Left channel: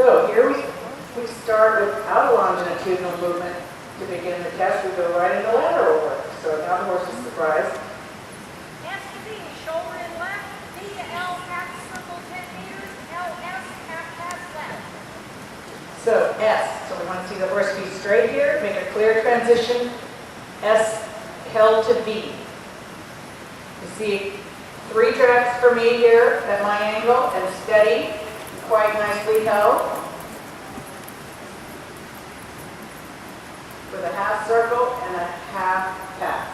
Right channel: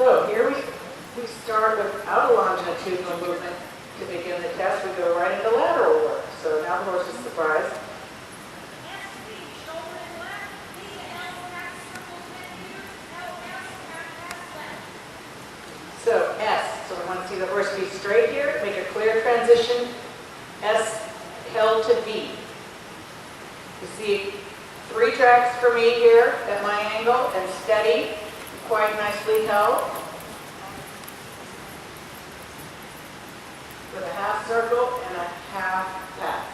So here we start without a longitudinal movement to begin the test. We go right into lateral work. So now the horse is surprised. S to B, shoulder in left, B to L, half circle 10 meters, LS, half pass left. So S, so we want to see the horse be straight here, make a clear transition. S held to B. You see 3 tracks for me here at my angle and steady, quite nicely held. With a half circle and a half pass.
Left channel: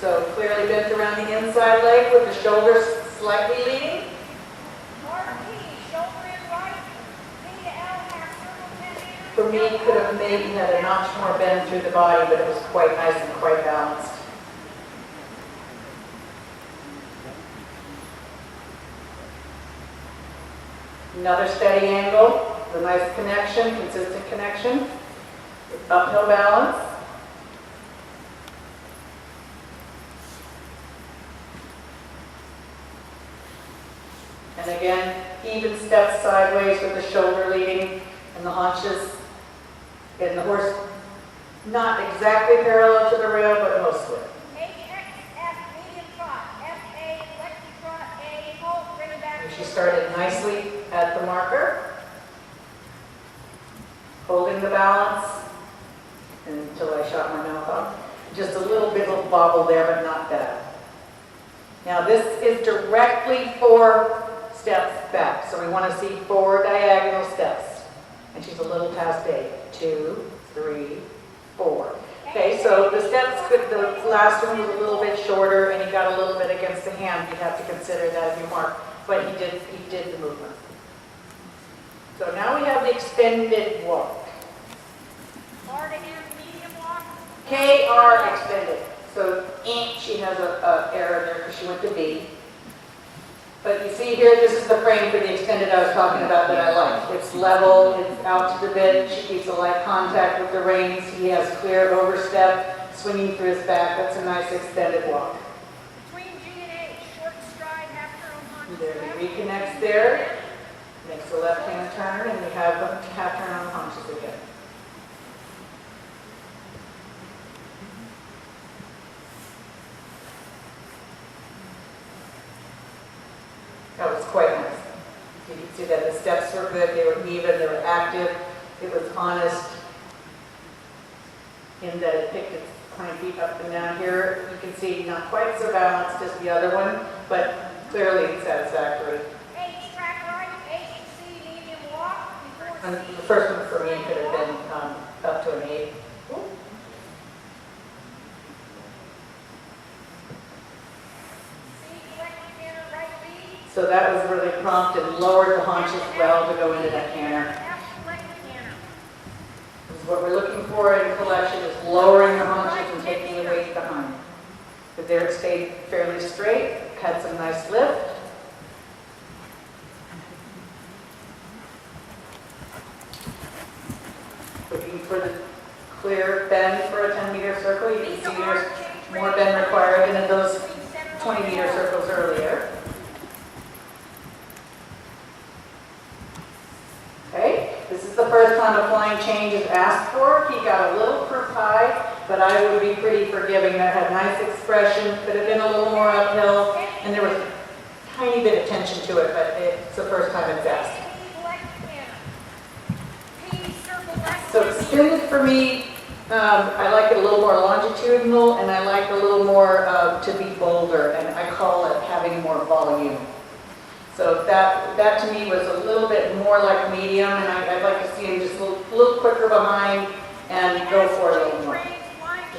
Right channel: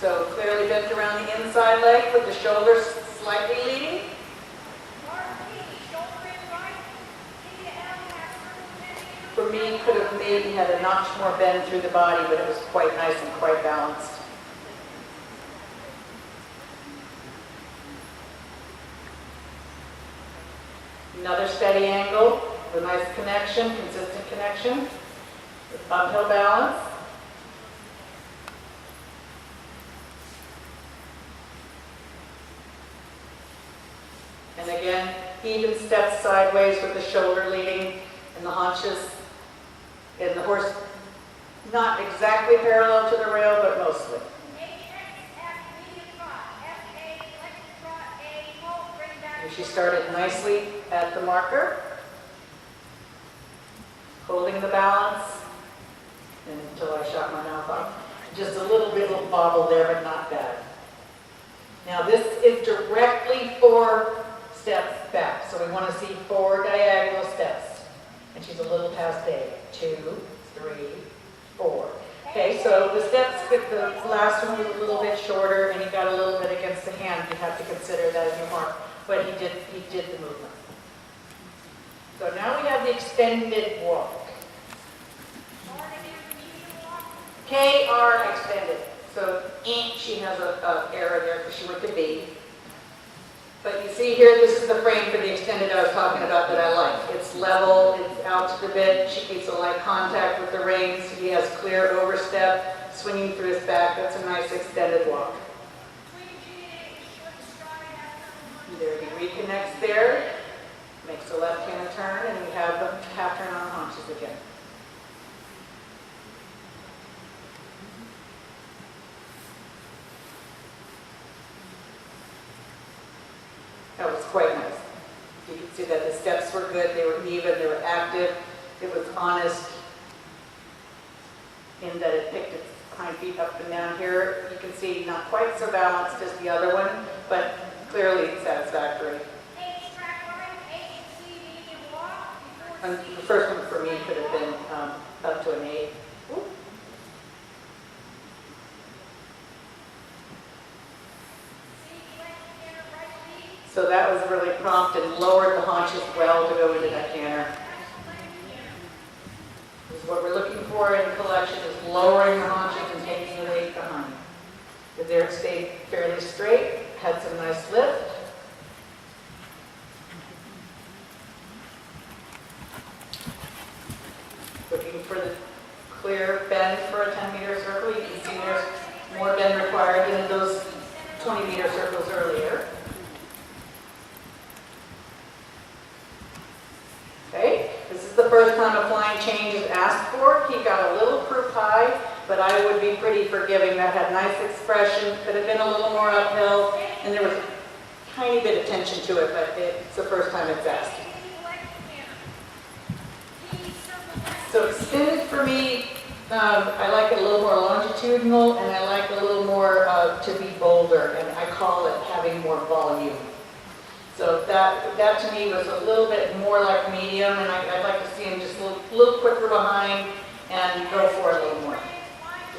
So clearly bent around the inside leg with the shoulders slightly leading. RT, shoulder in right, B to L, half circle 10 meters. For me, could have maybe had a notch more bend through the body, but it was quite nice and quite balanced. Another steady angle, with a nice connection, consistent connection, with uphill balance. And again, even steps sideways with the shoulder leading and the haunches, and the horse not exactly parallel to the rail, but mostly. HXF, medium trot, FA, flexi trot, A, halt, bring back. And she started nicely at the marker, holding the balance until I shot my mouth off. Just a little bit of bobble there, but not bad. Now this is directly 4 steps back, so we want to see 4 diagonal steps. And she's a little past 8. 2, 3, 4. Okay, so the steps, the last one was a little bit shorter, and he got a little bit against the hand. You have to consider that as a mark, but he did the movement. So now we have the extended walk. KR extended. So she has a error there because she went to B. But you see here, this is the frame for the extended I was talking about that I like. It's level, it's out to the bit. She keeps a light contact with the reins. He has clear overstep, swinging through his back. That's a nice extended walk. Between G and H, short stride, half turn on There he reconnects there, makes a left-hand turn, and we have a half turn on haunches again. That was quite nice. You can see that the steps were good, they were even, they were active, it was honest in that it picked its hind feet up and down here. You can see not quite so balanced as the other one, but clearly satisfactory. H, track right, H and C, medium walk, before And C. the first one for me could have been up to an 8. So that was really prompt and lowered the haunches well to go into that canter. This is what we're looking for in collection, is lowering the haunches and taking the weight behind. But there it stayed fairly straight, had some nice lift. Looking for the clear bend for a 10-meter circle. You can see there's more bend required than in those 20-meter circles earlier. Okay, this is the first time a flying change is asked for. He got a little proof high, but I would be pretty forgiving. That had nice expression, could have been a little more uphill, and there was a tiny bit of tension to it, but it's the first time it's asked. So extended for me, I like it a little more longitudinal, and I like a little more to be bolder, and I call it having more volume. So that to me was a little bit more like medium, and I'd like to see him just a little quicker behind and go for it a little more.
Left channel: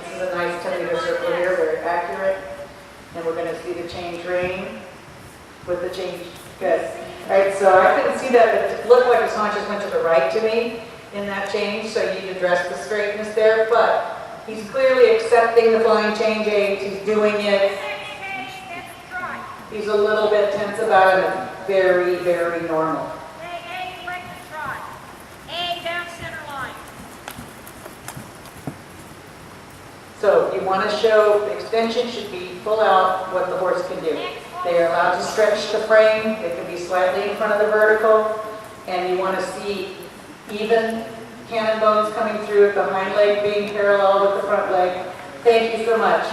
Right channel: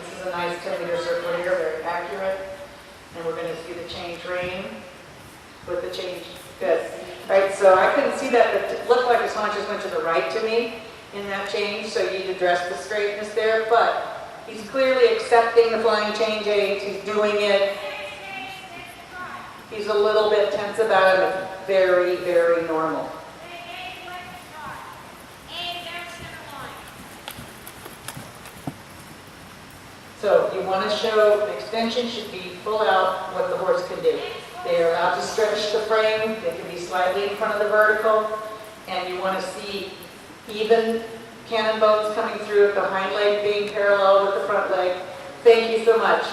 This is a nice 10-meter circle here, very accurate. And we're going to see the change rein with the change. Good. All right, so I couldn't see that. It looked like his haunches went to the right to me in that change, so you'd address the straightness there. But he's clearly accepting the flying change aids. He's doing it. He's a little bit tense about it. It's very, very normal. So you want to show the extension should be full out what the horse can do. They are allowed to stretch the frame. They can be slightly in front of the vertical. and you want to see even cannon bones coming through, the hind leg being parallel with the front leg. Thank you so much.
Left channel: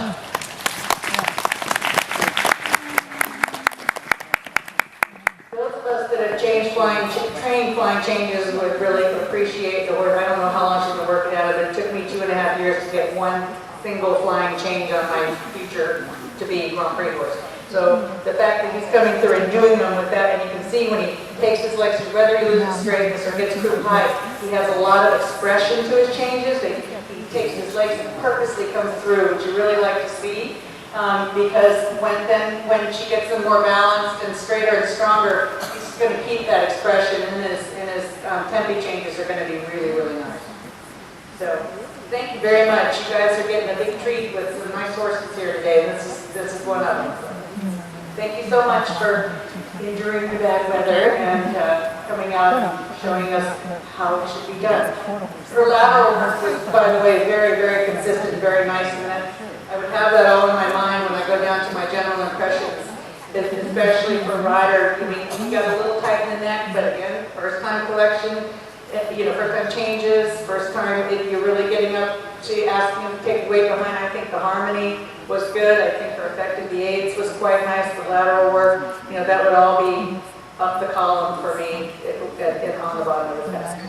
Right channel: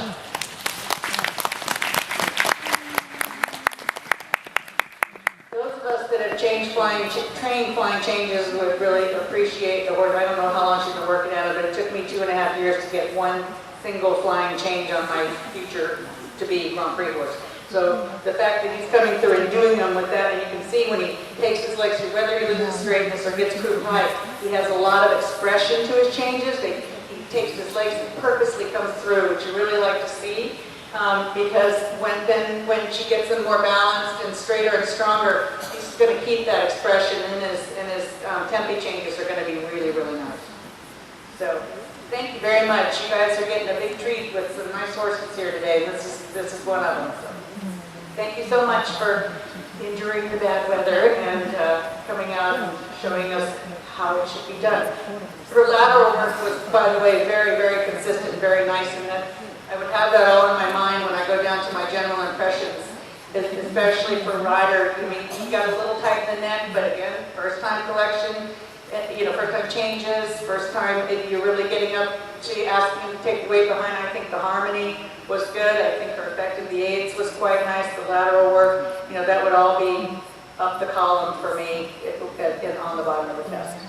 Those of us that have trained flying changes would really appreciate the work. I don't know how long she's been working at it, but it took me 2.5 years to get one single flying change on my future to be Grand Prix horse. So the fact that he's coming through and doing them with that, and you can see when he takes his legs, whether he loses straightness or gets too high, he has a lot of expression to his changes. He takes his legs and purposely comes through, which you really like to see. Because when she gets them more balanced and straighter and stronger, he's going to keep that expression, and his tempi changes are going to be really, really nice. So thank you very much. You guys are getting a big treat with some nice horses here today. This is one of them. Thank you so much for enduring the bad weather and coming out and showing us how it should be done. Her lateral was, by the way, very, very consistent, very nice. And I would have that all in my mind when I go down to my general impressions, especially for rider. I mean, you got a little tight in the neck, but again, first time collection, first time changes, first time if you're really getting up. She asked me to take weight behind. I think the harmony was good. I think her effective the aids was quite nice. The lateral work, that would all be up the column for me on the bottom of the desk.